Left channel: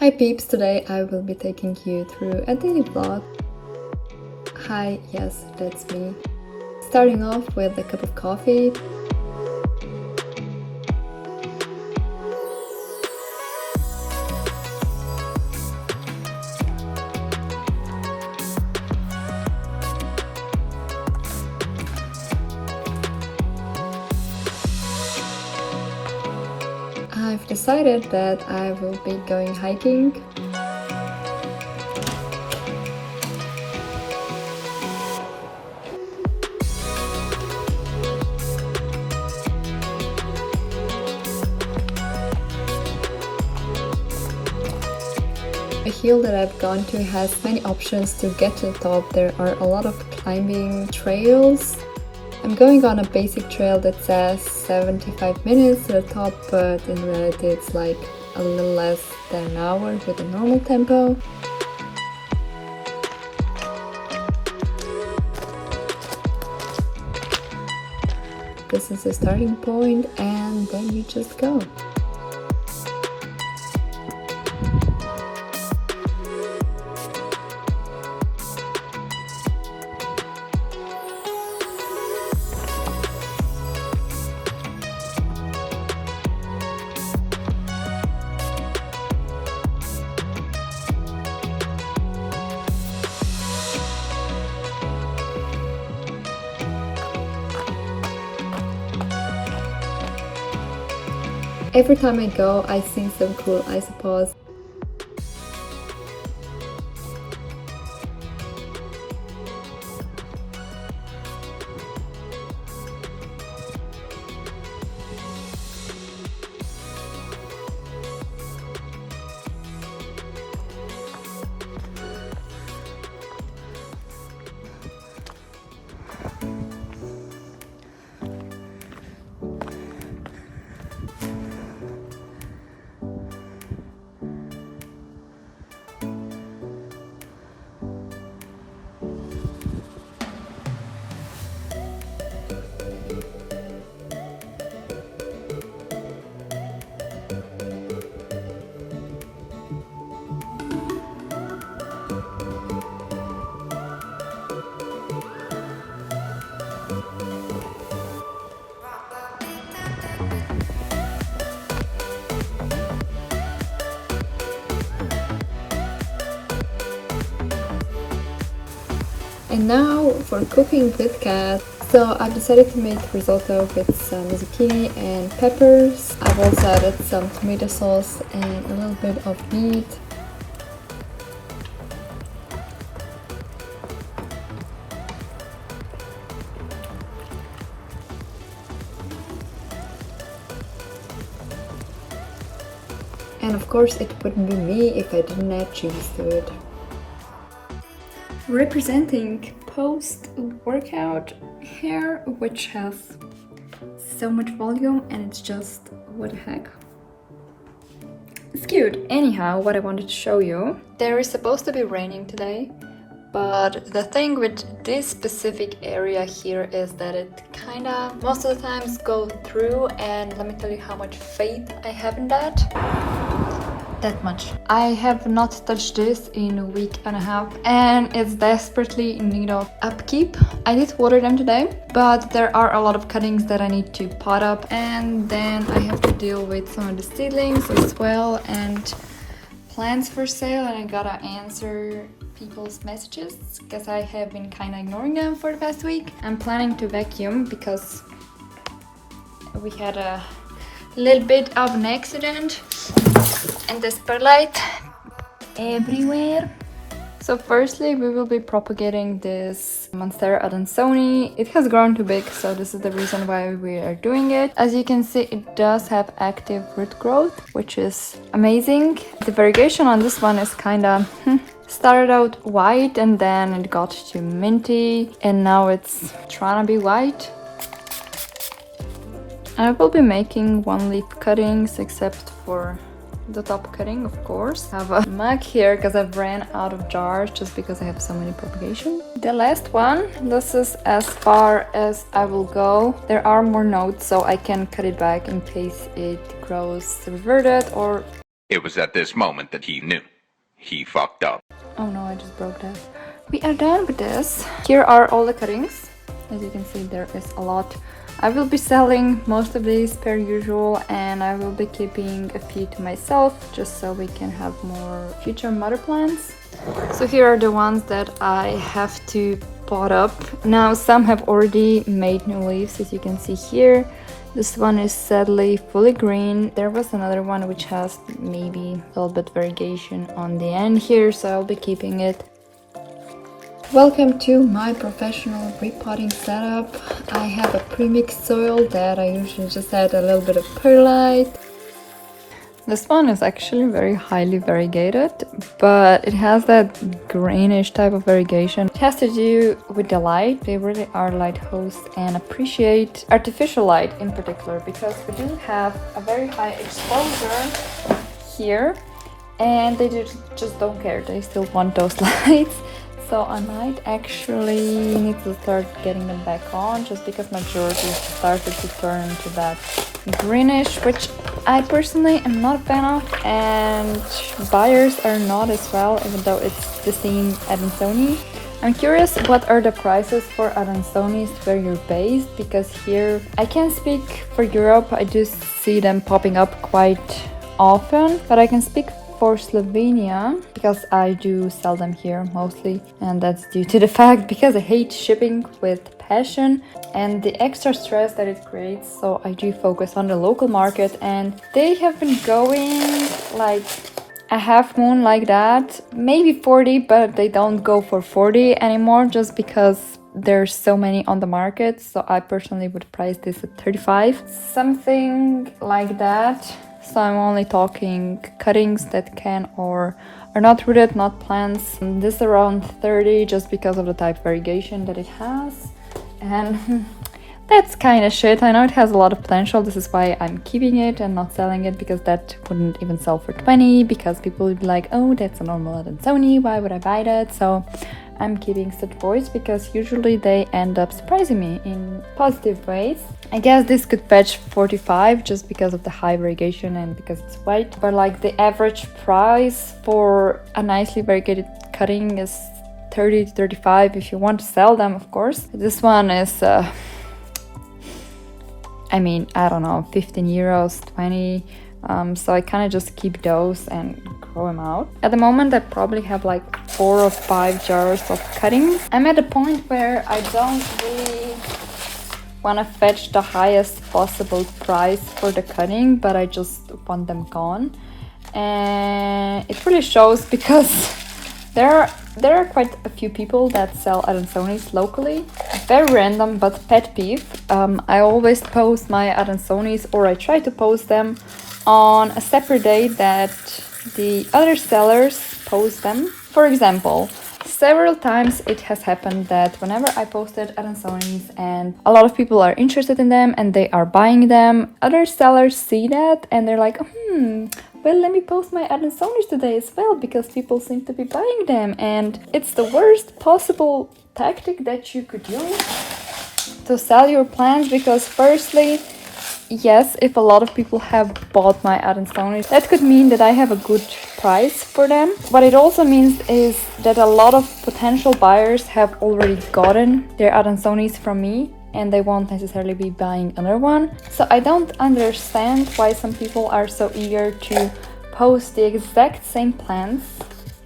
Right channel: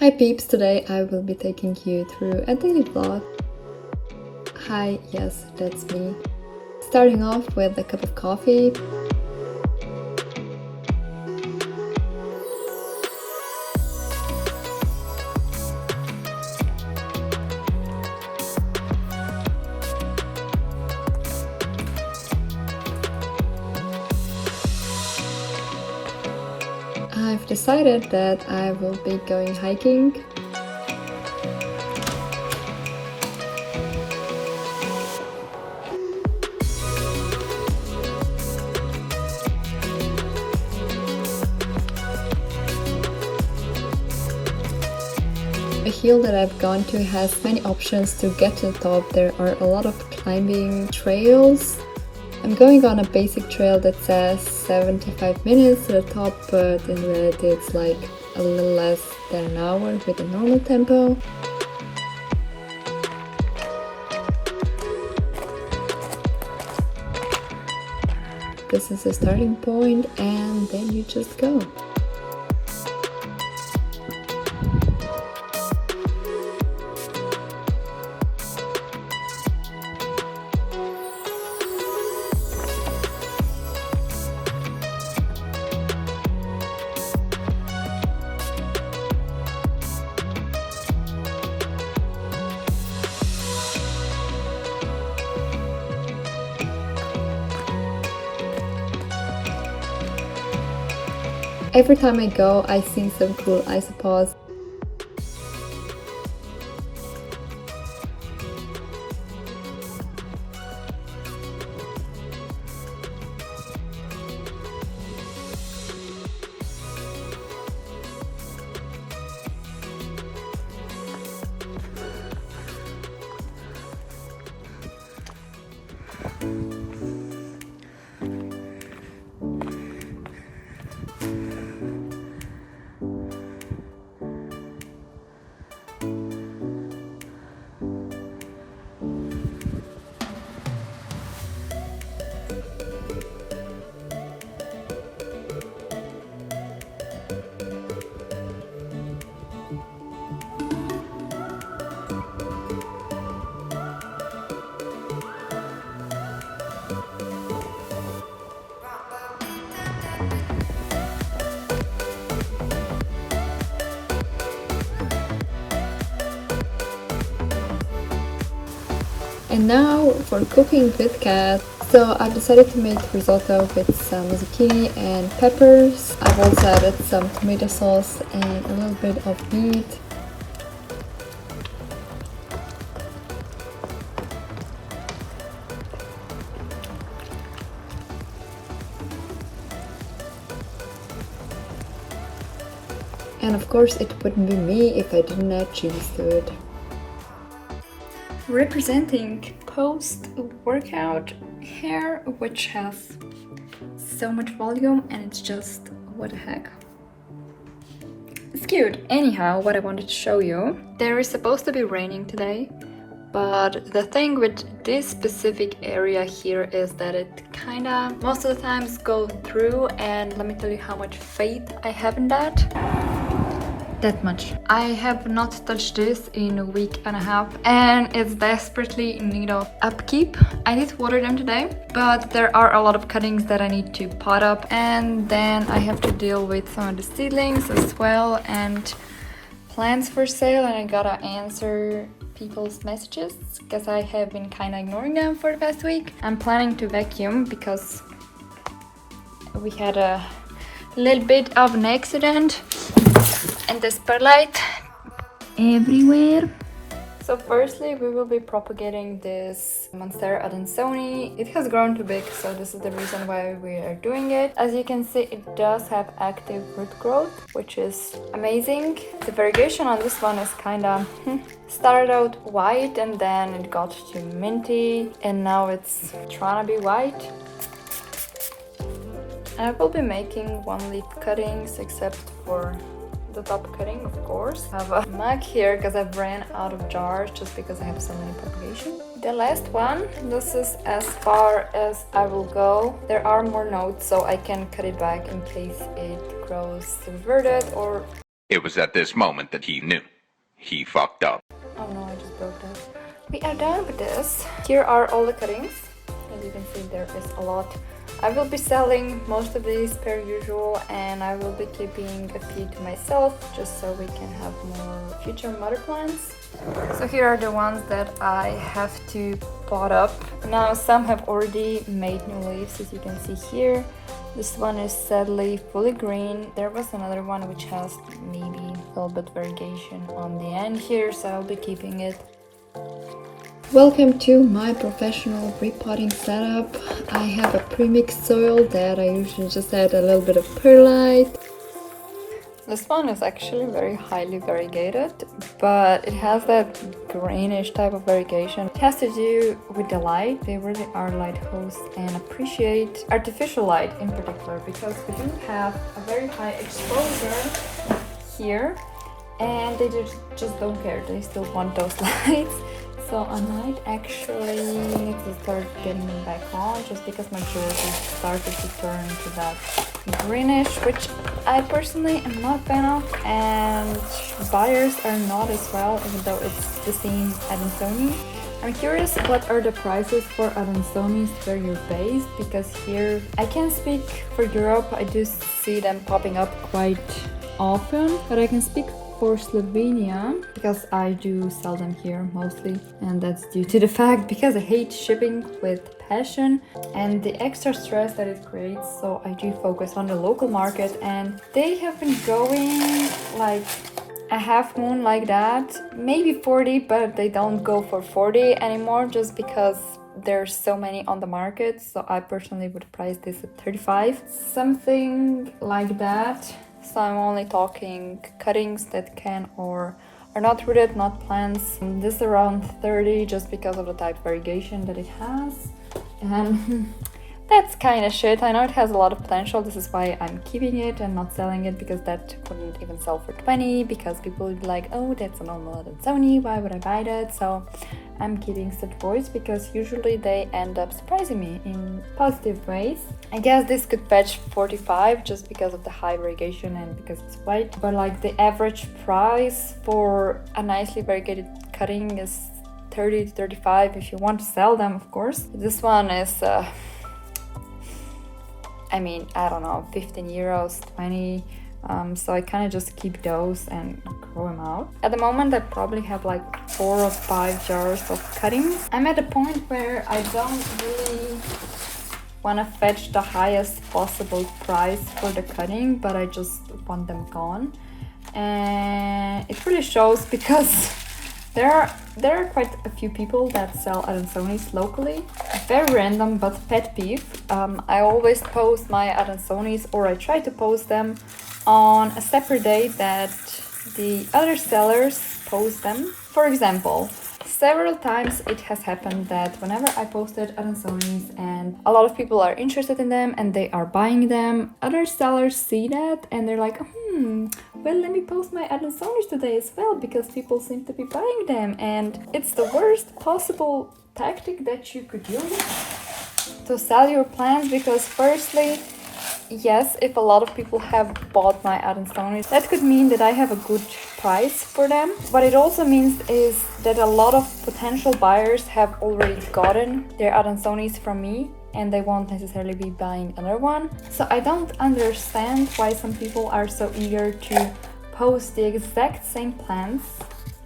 Hi peeps, today I will be taking you through a daily vlog. Hi, yes, that's me. Starting off with a cup of coffee. I've decided that I will be going hiking. The hill that I've gone to has many options to get to the top. There are a lot of climbing trails. I'm going on a basic trail that says 75 minutes to the top, but in reality it's like a little less than an hour with a normal tempo. This is the starting point, and then you just go. Every time I go, I see some cool isopods. And now for cooking with cat. So I've decided to make risotto with some zucchini and peppers. I've also added some tomato sauce and a little bit of meat. And of course it wouldn't be me if I didn't add cheese to it. Representing post-workout hair, which has so much volume and it's just, what the heck. It's cute. Anyhow, what I wanted to show you. There is supposed to be raining today, but the thing with this specific area here is that it kinda most of the times go through, and let me tell you how much faith I have in that. That much. I have not touched this in a week and a half and it's desperately in need of upkeep. I did water them today, but there are a lot of cuttings that I need to pot up, and then I have to deal with some of the seedlings as well and plants for sale, and I gotta answer people's messages because I have been kind of ignoring them for the past week. I'm planning to vacuum because we had a little bit of an accident and the spotlight everywhere. So firstly, we will be propagating this Monstera adansoniia. It has grown too big, so this is the reason why we are doing it. As you can see, it does have active root growth, which is amazing. The variegation on this one is kind of started out white and then it got to minty and now it's trying to be white. I will be making one leaf cuttings except for the top cutting, of course. I have a mug here because I've ran out of jars just because I have so many propagation. The last one, this is as far as I will go. There are more nodes, so I can cut it back in case it grows reverted or It was at this moment that he knew. He fucked up. Oh no, I just broke that. We are done with this. Here are all the cuttings. As you can see, there is a lot. I will be selling most of these per usual, and I will be keeping a few to myself just so we can have more future mother plants. So here are the ones that I have to pot up. Now some have already made new leaves, as you can see here. This one is sadly fully green. There was another one which has maybe a little bit variegation on the end here, so I'll be keeping it. Welcome to my professional repotting setup. I have a pre-mixed soil that I usually just add a little bit of perlite. This one is actually very highly variegated, but it has that greenish type of variegation. It has to do with the light. They really are light hosts and appreciate artificial light in particular, because we do have a very high exposure here and they just don't care. They still want those lights. So I might actually need to start getting them back on, just because my drawers started to turn to that greenish, which I personally am not a fan of, and buyers are not as well, even though it's the same adansonii. I'm curious what are the prices for adansoniis where you're based, because here I can't speak for Europe. I do see them popping up quite often, but I can speak for Slovenia because I do sell them here mostly, and that's due to the fact because I hate shipping with passion and the extra stress that it creates. So I do focus on the local market, and they have been going like a half moon like that, maybe 40, but they don't go for 40 anymore just because there's so many on the market. So I personally would price this at 35, something like that. So I'm only talking cuttings that can or are not rooted, not plants. And this around 30 just because of the type variegation that it has. And that's kind of shit. I know it has a lot of potential. This is why I'm keeping it and not selling it, because that wouldn't even sell for 20, because people would be like, oh, that's a normal adansonii, why would I buy that? So I'm keeping such boys because usually they end up surprising me in positive ways. I guess this could fetch 45 just because of the high variegation and because it's white, but like the average price for a nicely variegated cutting is 30 to 35 if you want to sell them, of course. This one is I mean, I don't know, 15 euros, 20. So I kind of just keep those and grow them out. At the moment, I probably have like 4 or 5 jars of cuttings. I'm at a point where I don't really want to fetch the highest possible price for the cutting, but I just want them gone. And it really shows because there are quite a few people that sell adansoniis locally. Very random, but pet peeve. I always post my adansoniis, or I try to post them on a separate day that the other sellers post them. For example, several times it has happened that whenever I posted adansoniis and a lot of people are interested in them and they are buying them, other sellers see that and they're like, well, let me post my adansoniis today as well because people seem to be buying them. And it's the worst possible tactic that you could use to sell your plants, because firstly, yes, if a lot of people have bought my adansoniis, that could mean that I have a good price for them. What it also means is that a lot of potential buyers have already gotten their adansoniis from me and they won't necessarily be buying another one. So I don't understand why some people are so eager to post the exact same plants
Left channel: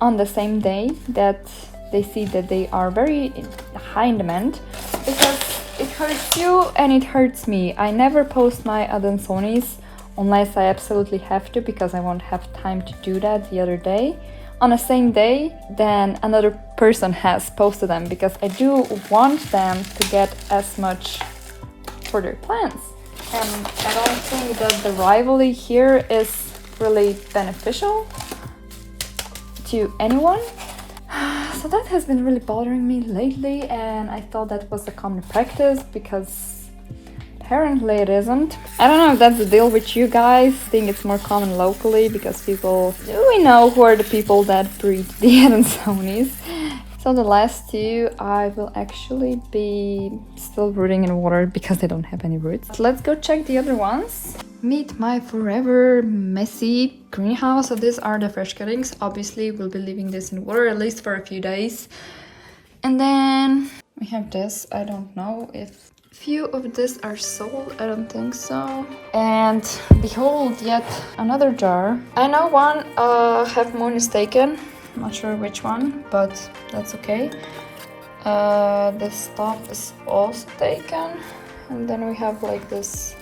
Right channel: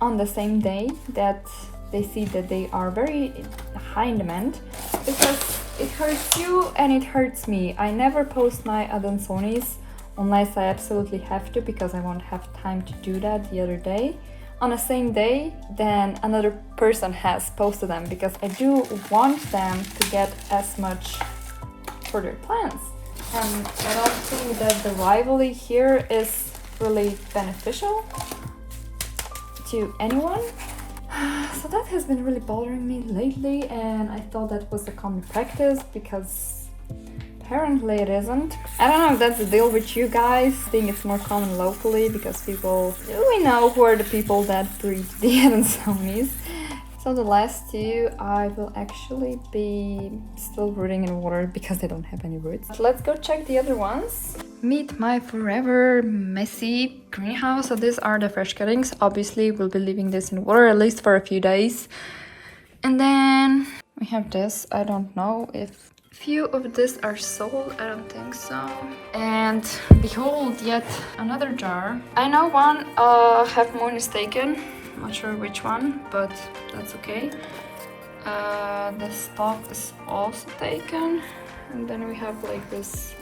on the same day that they see that they are very high in demand, because it hurts you and it hurts me. I never post my adansoniis unless I absolutely have to, because I won't have time to do that the other day on the same day then another person has posted them, because I do want them to get as much for their plants. And I don't think that the rivalry here is really beneficial to anyone. So that has been really bothering me lately, and I thought that was a common practice, because apparently it isn't. I don't know if that's the deal with you guys. I think it's more common locally because we know who are the people that breed the adansoniis. So So the last two I will actually be still rooting in water because they don't have any roots. But let's go check the other ones. Meet my forever messy greenhouse. So these are the fresh cuttings. Obviously we'll be leaving this in water at least for a few days. And then we have this. I don't know if few of this are sold. I don't think so. And behold, yet another jar. I know one half moon is taken. I'm not sure which one, but that's okay. The stuff is also taken. And then we have like this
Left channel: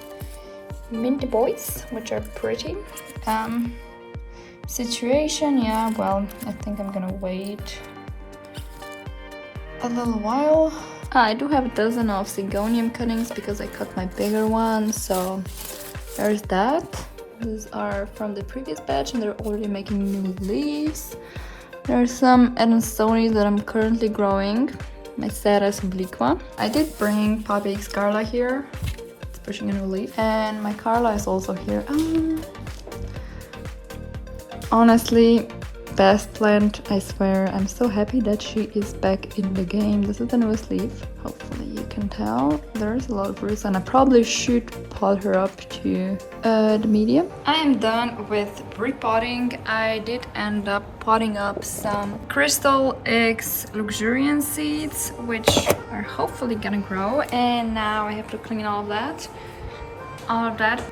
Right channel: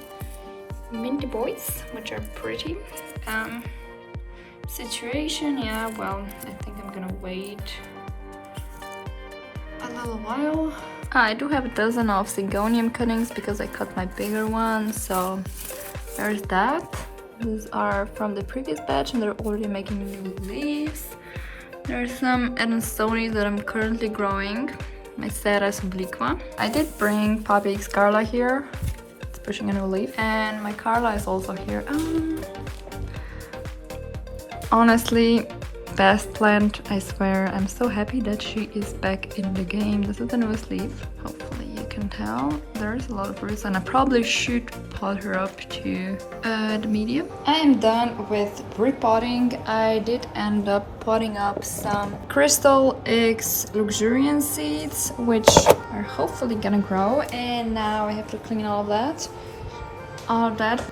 minty boys, which are pretty. Situation, yeah, well, I think I'm gonna wait a little while. I do have a dozen of Sigonium cuttings because I cut my bigger one, so there's that. These are from the previous batch and they're already making new leaves. There's some adansoniia that I'm currently growing. My Sarah's LiQWYD. I did bring Poppy Scarla here. It's pushing a new leaf. And my Carla is also here. Honestly, best plant, I swear. I'm so happy that she is back in the game. This is the newest leaf. Hopefully you can tell. There's a lot of roots and I probably should pot her up to the medium. I am done with repotting. I did end up potting up some Crystal X luxuriant seeds, which are hopefully gonna grow. And now I have to clean all of that.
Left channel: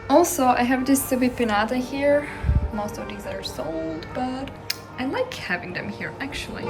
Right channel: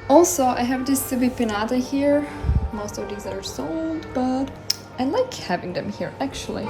Also, I have this Subi Pinata here. Most of these are sold, but I like having them here actually.